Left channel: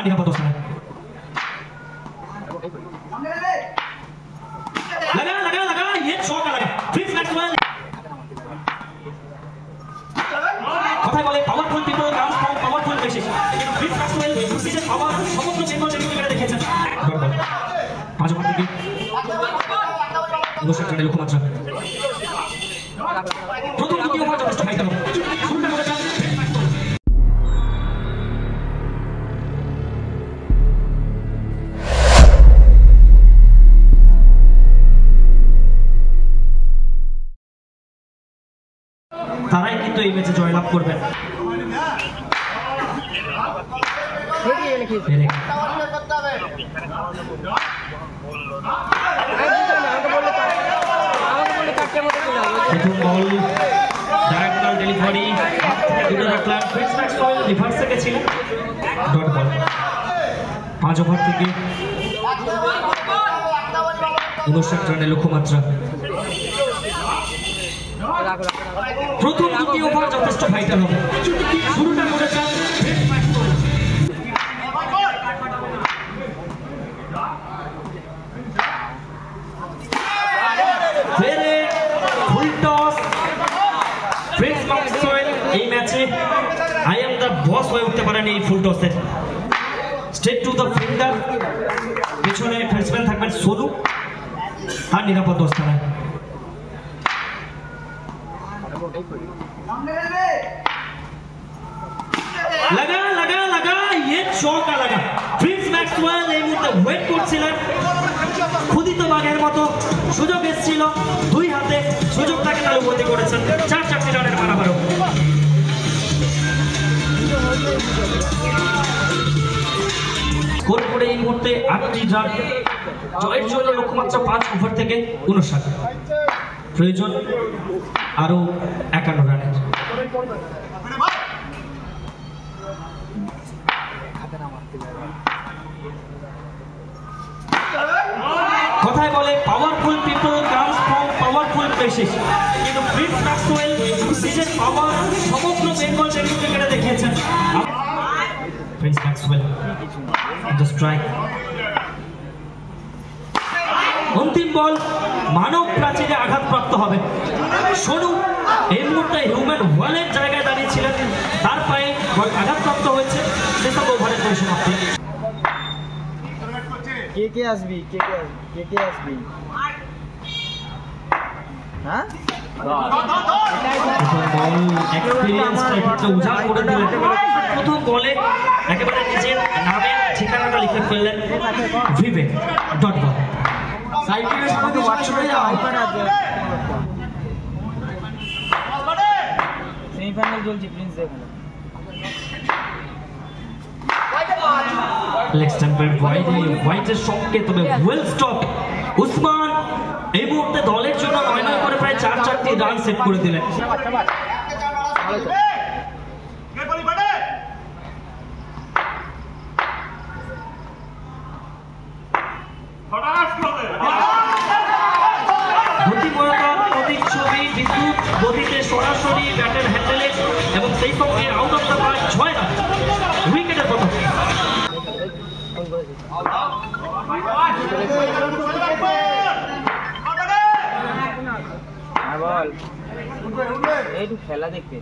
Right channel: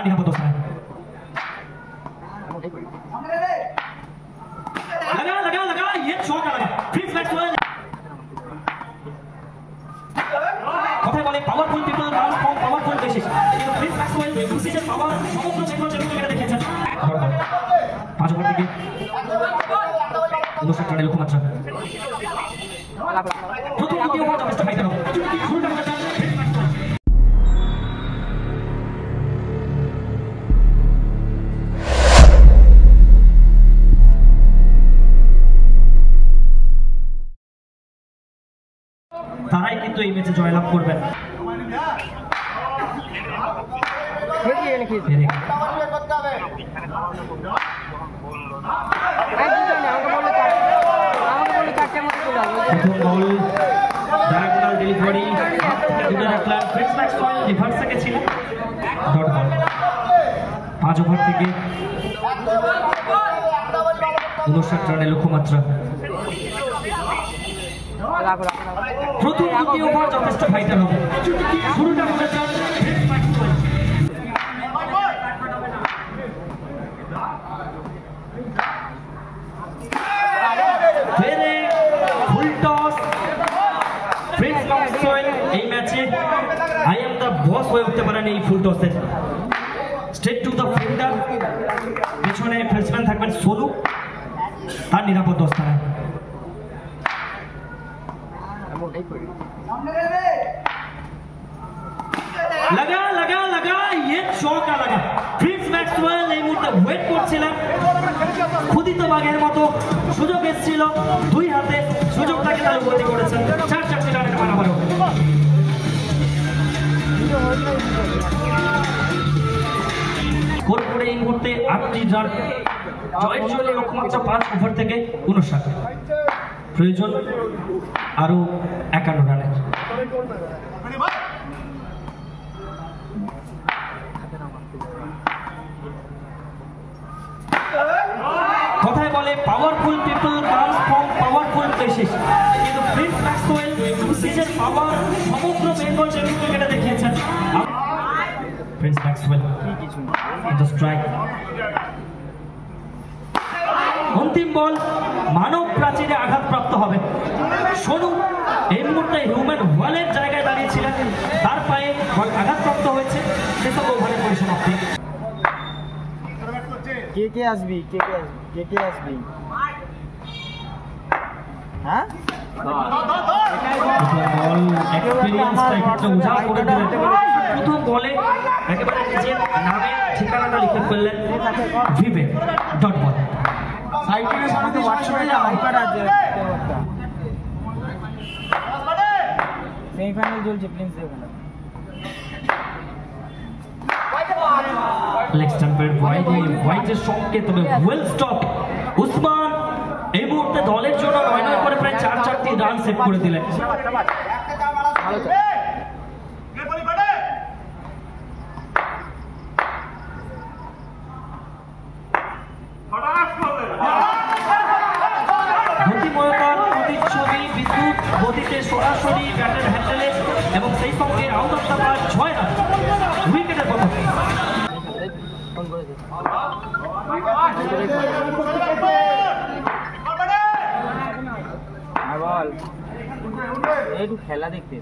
ताली का दोस्त लगा लगा लगा ये शॉट लगा प्रिंस मैक्सवेल কথাই বলে powerful people come from powerful places কিন্তু প্রিন্স ম্যাক্সওয়েল প্রিসিশন পাওয়ার সমগ্র বেঙ্গল টেনিস ক্রিকেটে দেখেছেন পাঁচ ওভার থেকে 59 রানের লক্ষ্যমাত্রা প্রথম দ্বিতীয় ওভার যথেষ্ট ফাইটার হবে শুরুটা করেছেন প্রিন্স ম্যাক্সওয়েল তারাই কিন্তু এই ম্যাচে জয়লাভ করবেন প্রথম বল ডায়াগোনাল ডেলিভারি দূরে রাখলেন প্রিন্স ম্যাক্সওয়েল রিভার্স থেকে ছিলেন ডট বল 5 ওভার থেকে 59 রানের লক্ষ্যমাত্রা প্রথম দ্বিতীয় ওভার যথেষ্ট ফাইটার হবে শুরুটা করেছেন Prince Maxwell full toss Prince Maxwell এই ম্যাচে আই এম দ্য বস হয়ে উঠতে পারেন এই ফুল টসের স্ট্রেট টু দ্য ফিল্ডার পিছনে ব্যাটসম্যান থাকবেন সোনু তার নিরাপদ অবস্থানে लगा लगा लगा ये चौका लगा प्रिंस मैक्सवेल এই মুহূর্তে ওয়েট করছিলেন খুদিত বাঘের মতো সুযোগ এসেছিল দুই হাতে সুযোগটাকে তালুবন্দি করেছেন 4 রানের মারা হলো স্কোর করে এই মুহূর্তে 8টি রান জয়ের জন্য লক্ষ্যমাত্রা 5 ওভার থেকে 59 প্রয়োজন আরো 51 রানের কথাই বলে powerful people comes from powerful places কিন্তু প্রিন্স ম্যাক্সওয়েল নিজের পাওয়ার সমগ্র বেঙ্গল টেনিস ক্রিকেটে দেখিয়েছেন প্রিন্স ম্যাক্সওয়েল দ্য স্ট্রাইক অন্তিম বল মানব প্রাচীরে আঘাতপ্রাপ্ত হবে সোনু এই মুহূর্তে হিউম্যান ওয়ালের জায়গায় দাঁড়িয়েছিলেন তার পায়ে বল আঘাতপ্রাপ্ত হয়েছে সেসব ওভারের পরিসমাপ্তি কে আসবি হ্যাঁ বল এক্সপেরিয়েন্সটা একটু উজাড় করে দিলেন প্রথম বলে একেবারে নিজের নামে ঠিকানাটা লিখে ফেললেন ভিভে ডট বল সাইকেলের সাথে ওয়াটসঅ্যাপে আইকার্ড আছে সেমিফাইনাল চলছে প্রিন্স এখানে লেগ স্ট্যাম্পের হোয়াইটের শটকে তবে ওয়েল স্টপ উসমান এই মুহূর্তে দলের জন্য 9 করে প্রায় 4টি রান সেট করে দিলেন গতিময়তার প্রতিচ্ছবি বিদ্যুৎ গতিতে সরাসরি ব্যাটের হ্যান্ডেলে এবং সেই সঙ্গে out of the park 6 run উইকেটের পতন খেলা দেখতে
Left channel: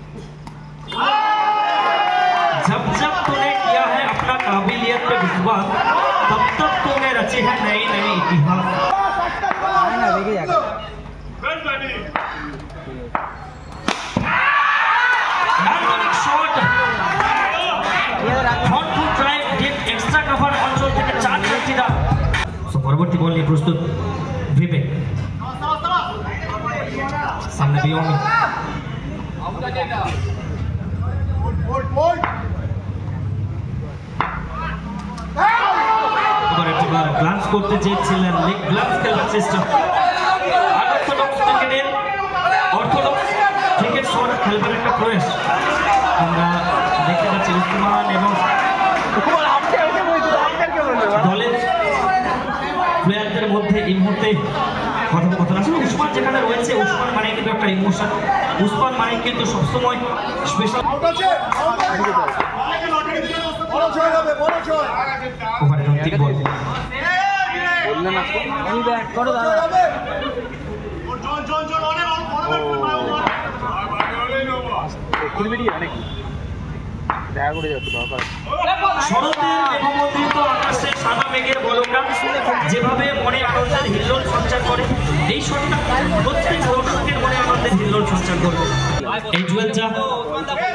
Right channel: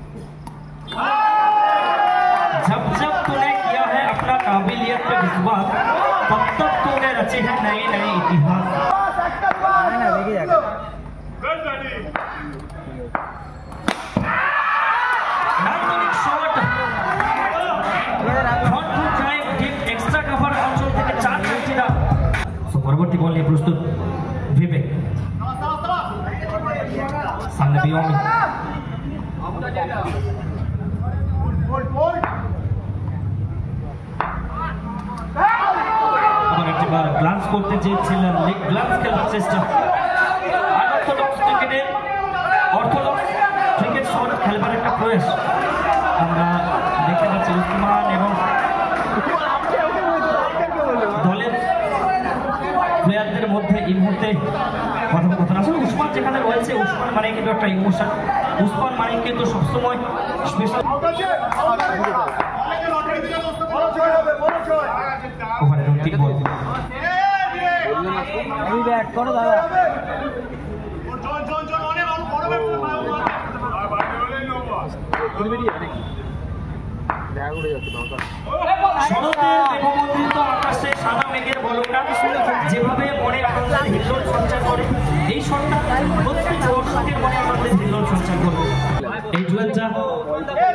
जब जब तूने किया है अपना काबिलियत पे विश्वास तब तब तूने रचे हैं नए नए इतिहास shot thoughtful drive dip extra cover अंचल থেকে 4 রান পরবর্তী বল নিয়ে প্রস্তুত ভিভে সামনে বিয়মি গ্লান্স করতে চেয়েছিলেন লেগ গ্লান্স খেলার চেষ্টা অর্থোডক্স ক্রিকেট শট খেলবার একটা প্রয়াস আমরা দেখতে পাচ্ছি উসমান এবং দলের প্লেয়ারদের মধ্যে এই মুহূর্তে কথোপকথন আসলে উসমান যেখানে রয়েছে উসমান মানে কিন্তু একটা ইমোশন উসমান মানে কিন্তু সবসময় স্পেশাল ব্যাটিং বল। আমি ব্যাট করো দাদা। শরতের মেঘমন্ডিত আকাশে সাদা মেঘের বলকা যেভাবে মনে আনন্দের হিল্লোল সঞ্চার করে, এই শটটা প্রত্যেক দর্শকের মনে আনন্দের হিল্লোল সঞ্চার করবে। এই জুয়েলটা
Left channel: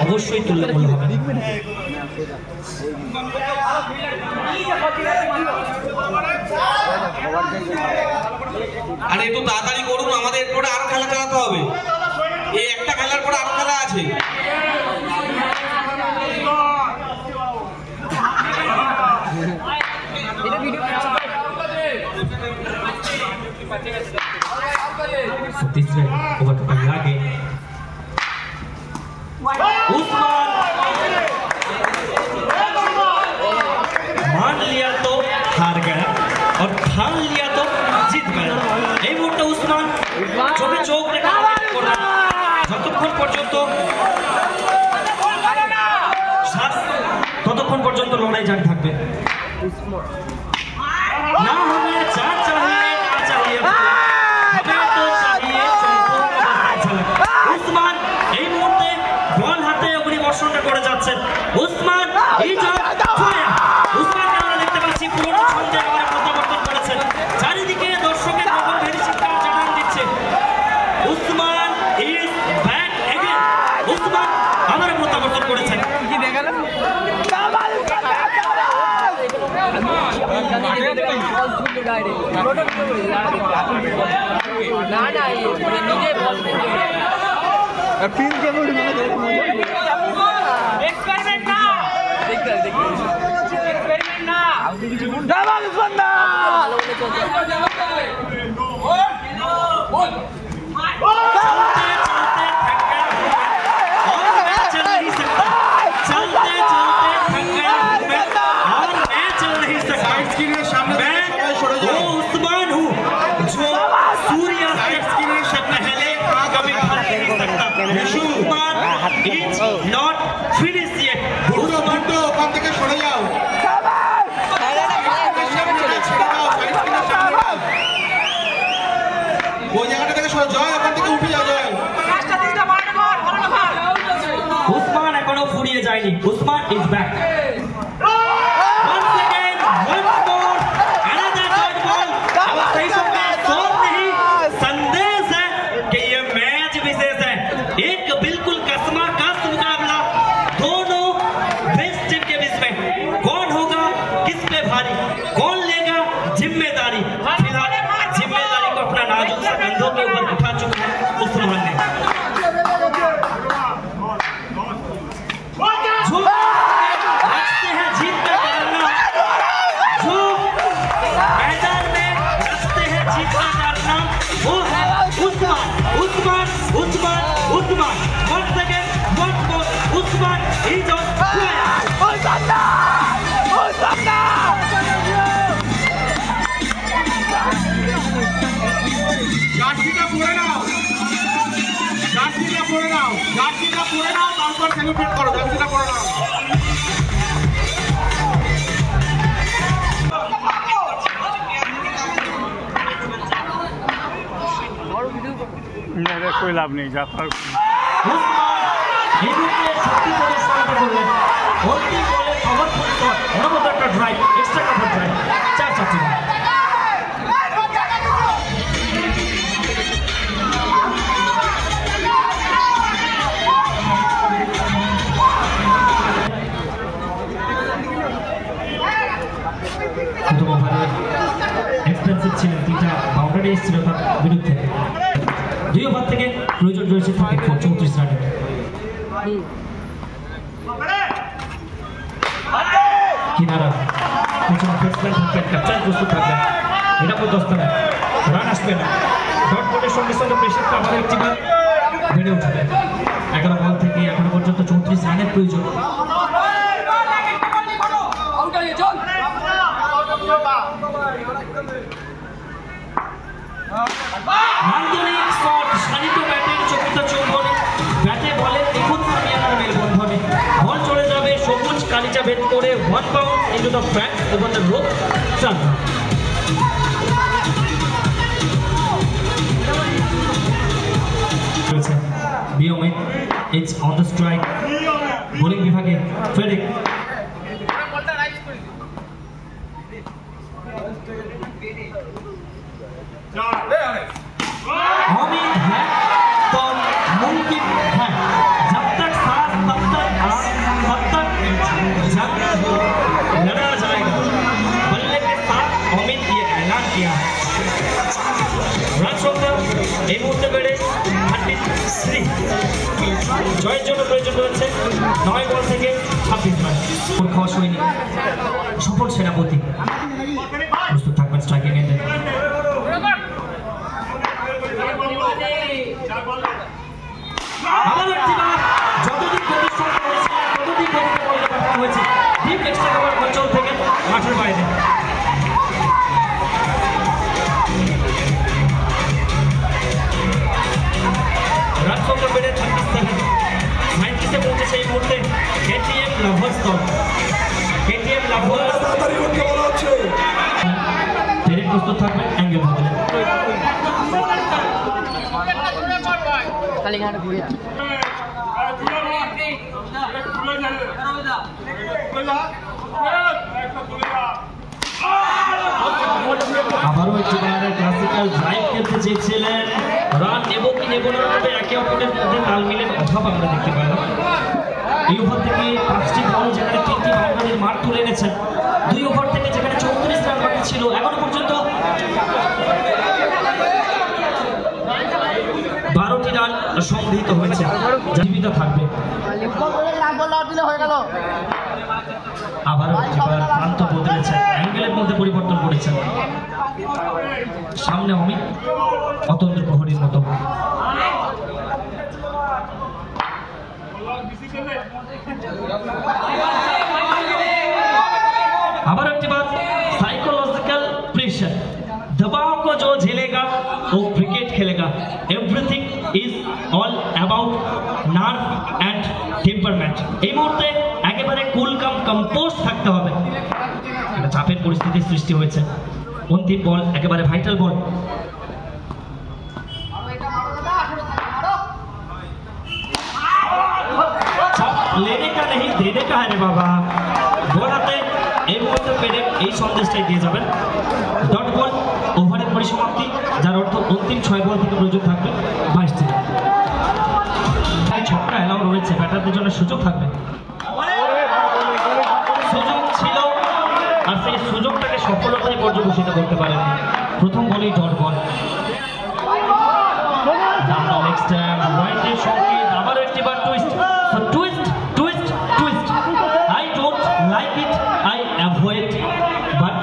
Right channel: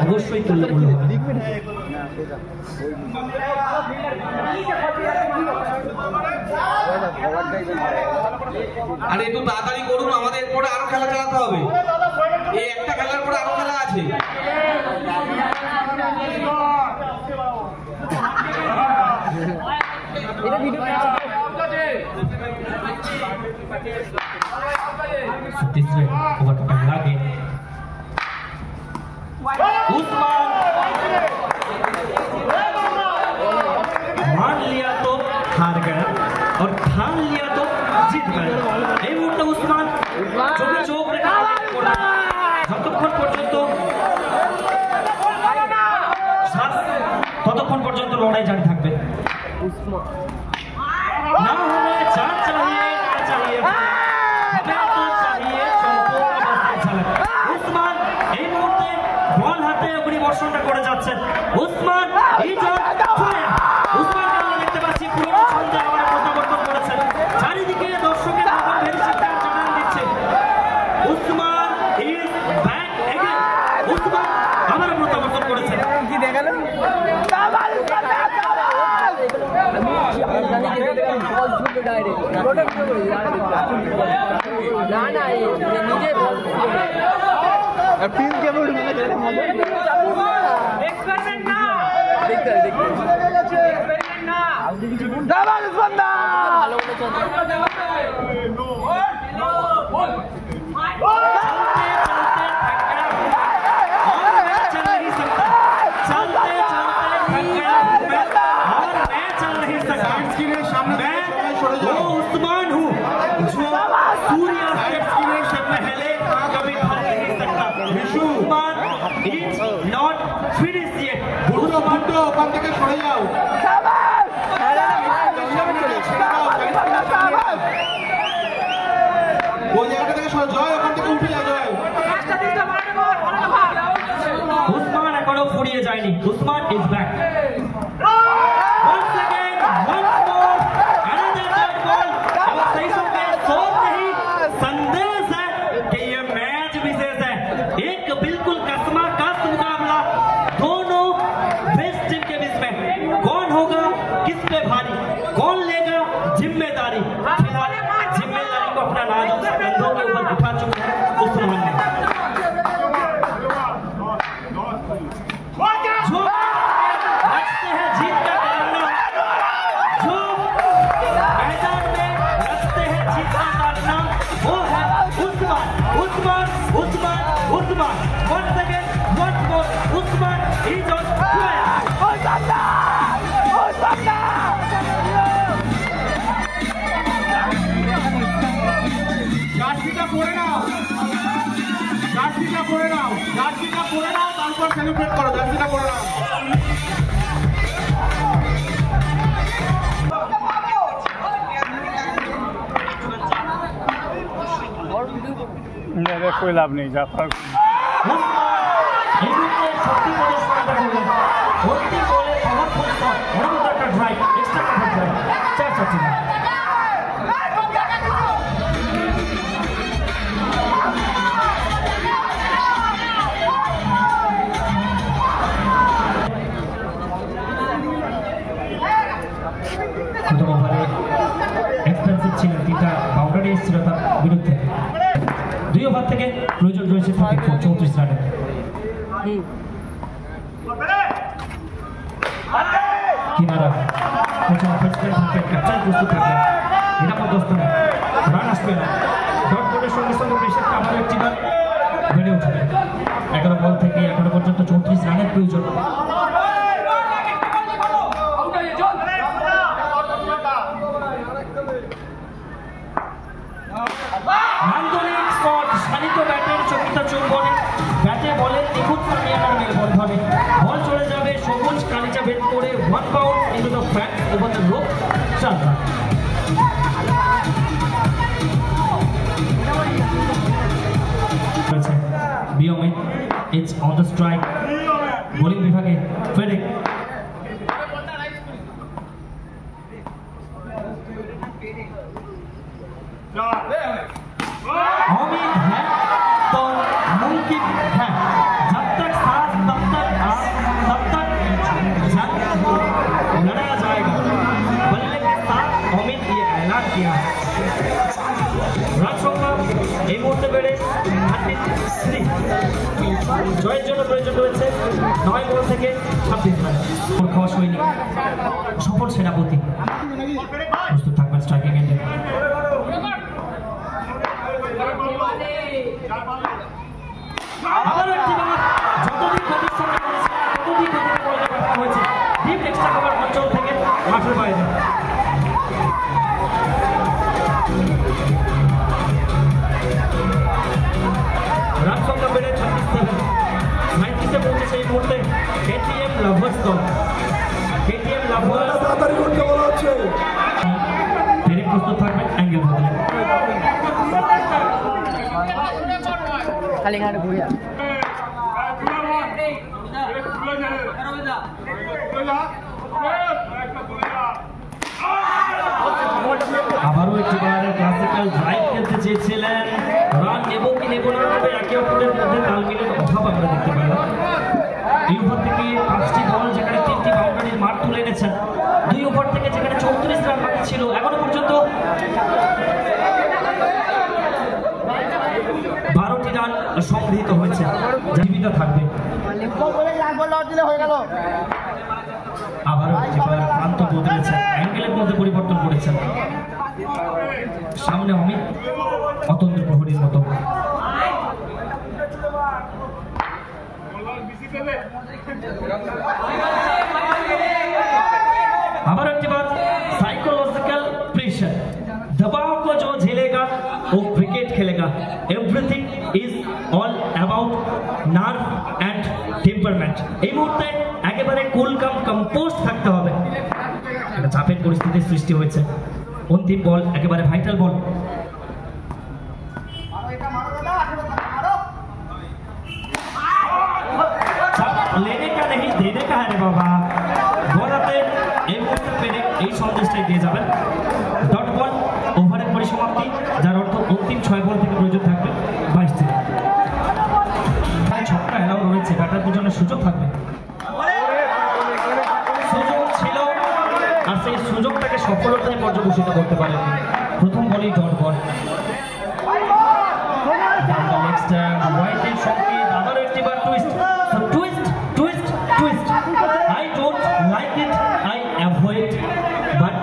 অবশ্যই তুল্যমূল্য হবে। আরে একটু তাড়াতাড়ি করুন, আমাদের পরে আরো খেলা চালাতে হবে। এই একটা খেলার পরে আরো খেলা আছে। तीसरे ओवर का पहला गेंद उस्मान मान लिया तो हार गया और ठान लिया तो जीत गया। এই মুহূর্তে উসমান চোখে চোখ রেখে যতক্ষণ পর্যন্ত ততক্ষণ পর্যন্ত লড়াই জারি থাকবে। না হলে যা চাহিए না चाहिए हमें तो चाहिए সম্পূর্ণ ঝলক। উসমান এই মুহূর্তে বল হাতে অগ্নিবর্ষণটা করে যাচ্ছেন। উসমান এই যে উসমানকে আমরা দেখতে পাচ্ছি পুরনো ছন্দে আবার প্রত্যাবর্তন করেছেন। চারিদিকে দর্শকের নগর ভেরি শিক্ষার জানান দিচ্ছে Usman is back again. Usman আবার প্রত্যাবর্তন করেছেন। কি দেখালেন? উসমান এখনো ফুরিয়ে যায়নি। Usman is back. Once again, once more, another dot ball. अब सही समय सोच नहीं, संदेश है कि ये मैच विशेष है। एक बिल्कुल कसमा कस मुकाबला दोनों बेस्ट टीम के बीच में। कौन होगा किस पे भारी, कौन लेगा जिम्मेदारी। फिलहाल जिम्मेदारी को अपना नाजुक सा कंधों के ऊपर उठा चुके हैं उस्मान ने। जो रखते हैं जीत का कारनामा, जो मैदान में रखते हैं जीत का कारनामा, वो है Usman. Usman Usman Usman. Once again, once more, Usman is on fire. জার্সিটা পরে নাও, জার্সিটা পরে নাও, জার্সিটা পরে নাও, তারপর সেলিব্রেট করো। জার্সিটা পরে নাও। कोई लाभ नहीं जाता। প্রথম ওভারে এক্সপেন্সিভ ছিলেন, 3টা বাউন্ডারি এসেছিল তার বিরুদ্ধে। 2 ওভার থেকে প্রয়োজন রয়েছে তাকে 34 রানের। কিনারা পিছনে ফেসলে থাকবেন, ক্যাপ্টেন প্রস্তুত থাকবেন, নিরাপদ অবস্থানে রান আসবে না। ডট বলের সঙ্গে সঙ্গে প্রেশারটা আপনার একটিবার বেড়ে উঠবে। 11 বল থেকে এখনো পর্যন্ত 34 রানের প্রয়োজন। নান্দনিক শট, শানিত ব্যাটের চকিত চৌবনে, ব্যাটে বলের নিখুঁত সামলানোর মেলবন্ধনে বল চলে যাবে সবুজ কালিচা ভেদ করে 1 bound into the Franks over the rope. Shot. Biomit, it's on the strike. Bowling বিভাগে ফেডিক अमित है तो मुमकिन है जब तक सांस तब तक आग तब तक जंग लड़ा जाएगा। बल्ले के साथ अमित ये ऐलान किया। রাজসংগ্রাম এই মুহূর্তে বেড়ে 33 জয়ের জন্য প্রয়োজন রয়েছে 9 বল থেকে 26 রান। খাওয়া সৈনিক সফল সেনাপতি প্রস্তুত থাকবেন স্ট্রাইকিং এন্ডে। আবার একটি বার যতদিন প্রতিষ্ঠান করেছে ততদিন গতিতে বলতে পাঠানো হয়েছে ডিপ এক্সট্রা কভার অঞ্চল থেকে মাঠের বাইরে। রান সংখ্যা বেড়ে 37 পৌঁছেছে এই মুহূর্তে কেটিএম লাভার্স দল। কেটিএম লাভার্স ফেরে প্রস্তুত থাকবেন অ্যাঙ্গেল বদলে। কালিঙ্গানে ঘুরিয়া আবারও একটিবার ক্লাসিক্যাল ড্রাইভ খেলতে চেয়েছিলেন। রান নেব কি নেব না তবে একে অপরের মধ্যে তাল মিলের অভাব আমরা দেখতে পেলাম। এই ওভার থেকে 5টি বল যেখানে 3টি বাউন্ডারির মার তুলে এনেছেন। 2 ওভার থেকে যেখানে 34 রান বাকি ছিল এখনো পর্যন্ত 12টি রান সংগৃহীত হয়েছে। জীবিত থাকবে আবারও একটিবার প্রান্ত বদলেছেন অ্যাঙ্গেলের মধ্যে পরিবর্তন করেছেন। সামনে অমিত অতন্ত্র প্রহরীর মতো। আবার একটিবার साइकोलॉजिकल प्रेशर दबाव को जो झेलेगा वो क्रिकेट खेलेगा। Everything is all about nerve and temperament. এই মুহূর্তে একেবারে কুল কাম কম্পোজ থাকতে হবে। একটা চাপের পরিস্থিতির সৃষ্টি হয়েছে। অন্তিম বল একেবারে ভাইটাল বল। लेने का नहीं देने का है रे बाबा। বল হাতে এই মুহূর্তে পেরে এই সন্দেশটাই দিয়ে যাবেন। ডট বল ওভারের পরিসমাপ্তি যার অর্থ অন্তিম 6 বল থেকে প্রয়োজন থাকবে 22টি। তাই ছক্কা এলাও রয়েছে ব্যাটারদের জন্য সুযোগ থাকবে। সুযোগ ছিল আর সেই সুযোগটাকে সফলতায় পর্যবেসিত করতে পারেন। প্রথম বলই dot ball. Down leg stump রাইটের সংকেত আবারও একটিবার twist twist twist twist. I don't like it I avoid but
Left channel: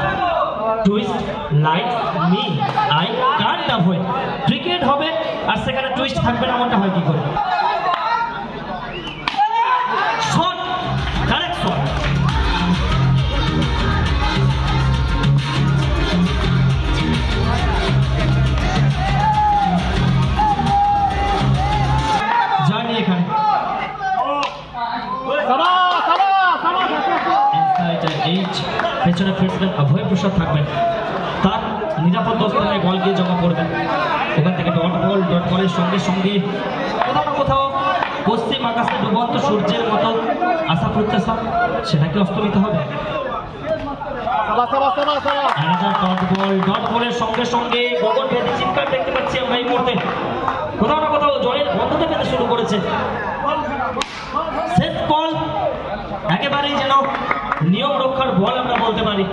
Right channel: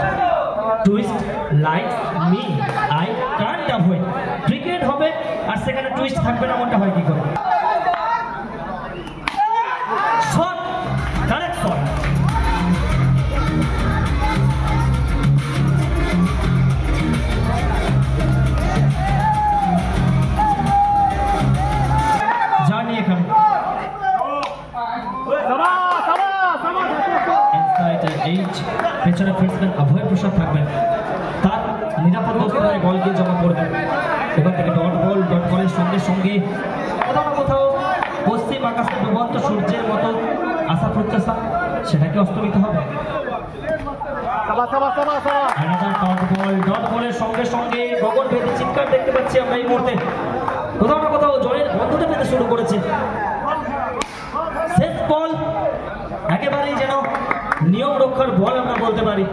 twist like me I can't avoid. Cricket হবে আর সেখানে টুইস্ট থাকবে না এমনটা হয় কি করে? Shot correct shot. জানি এখানে পেছনে ফিল্ডার অভয় প্রসাদ থাকবেন। তার নিরাপদ অবস্থায় বল গিয়ে জমা করবেন। এখান থেকে ডট বলের সঙ্গে সঙ্গে কোথাও না কোথাও পশ্চিম আকাশে ডুবন্ত সূর্যের মতো আশা প্রত্যাশা সেটাকে অস্তমিত হবে। ডট বলের সঙ্গে সঙ্গে গগন ভেদি চিৎকার দেখতে পাচ্ছি আমরা এই মুহূর্তে। কোথাও না কোথাও জয়ের বন্ধুটা পেতে শুরু করেছে। শেষ বল একেবারেই যেন নিয়ম রক্ষার বল আমরা বলতে পারি।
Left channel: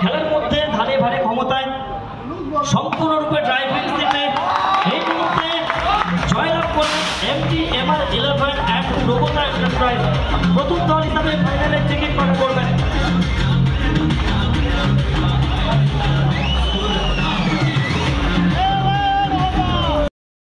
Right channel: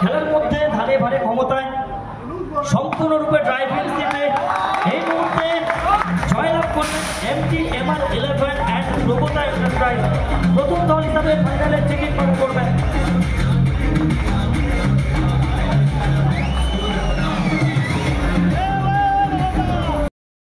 খেলার মধ্যে ধারে ভারে ক্ষমতায় সম্পূর্ণরূপে ড্রাইভিং সিটে এই মুহূর্তে জয়লাভ করলেন MTMR 11 অ্যান্ড প্রগতা এন্টারপ্রাইজ। প্রথম দল হিসাবে ফাইনালের থেকে